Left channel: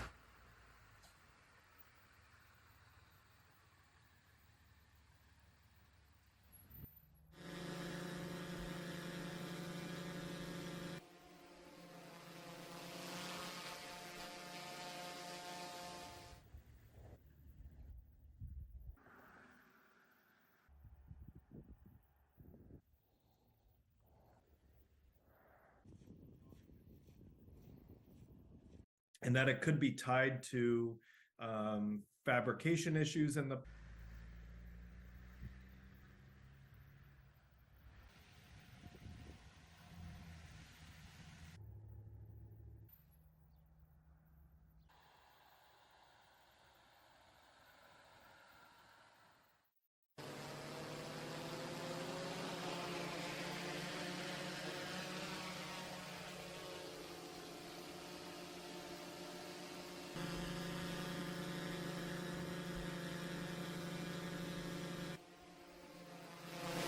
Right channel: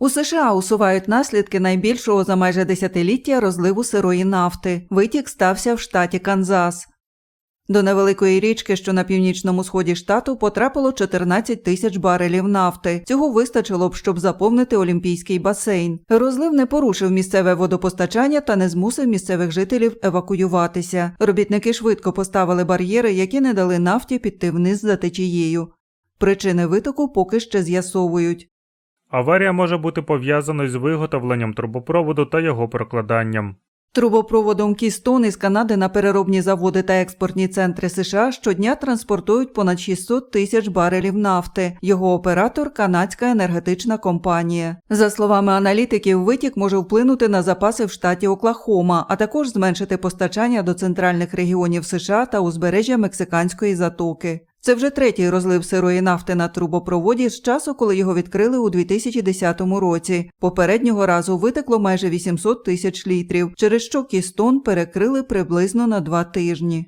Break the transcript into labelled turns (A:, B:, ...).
A: У США усувають наслідки найбільшого за майже десятиліття розливу сирої нафти. Витік стався в штаті Канзас. До невеликої річки, що на північному сході штату, потрапило 14 тисяч барелів нафти. Цього вистачило б, щоб заповнити олімпійський басейн. Розлив не порушив місцеве водопостачання та не змусив місцевих жителів евакуюватися. Робітники швидко поставили бар'єри, які не дали нафті піти вниз за течією. Причини витоку поки ще з'ясовують.
B: Аварія може бути пов'язаною з виготовленням трубопроводу та його прокладанням.
A: Трубопроводом Кістон із Канади на переробні заводи та експортні центри США щодня транспортують понад 600 тисяч барелів нафти. Його оператор канадська енергетична компанія. За словами аналітиків, витік може вплинути на запаси в штаті Оклахома, а також зменшити постачання до центральних регіонів США та узбережжя Мексиканської затоки. Це вже третій розлив сирої нафти на трубопроводі з часу, коли його відкрили у 2010 році. Попереднього разу витекло майже 800 тисяч літрів, через що Кістон перекрили приблизно на два тижні.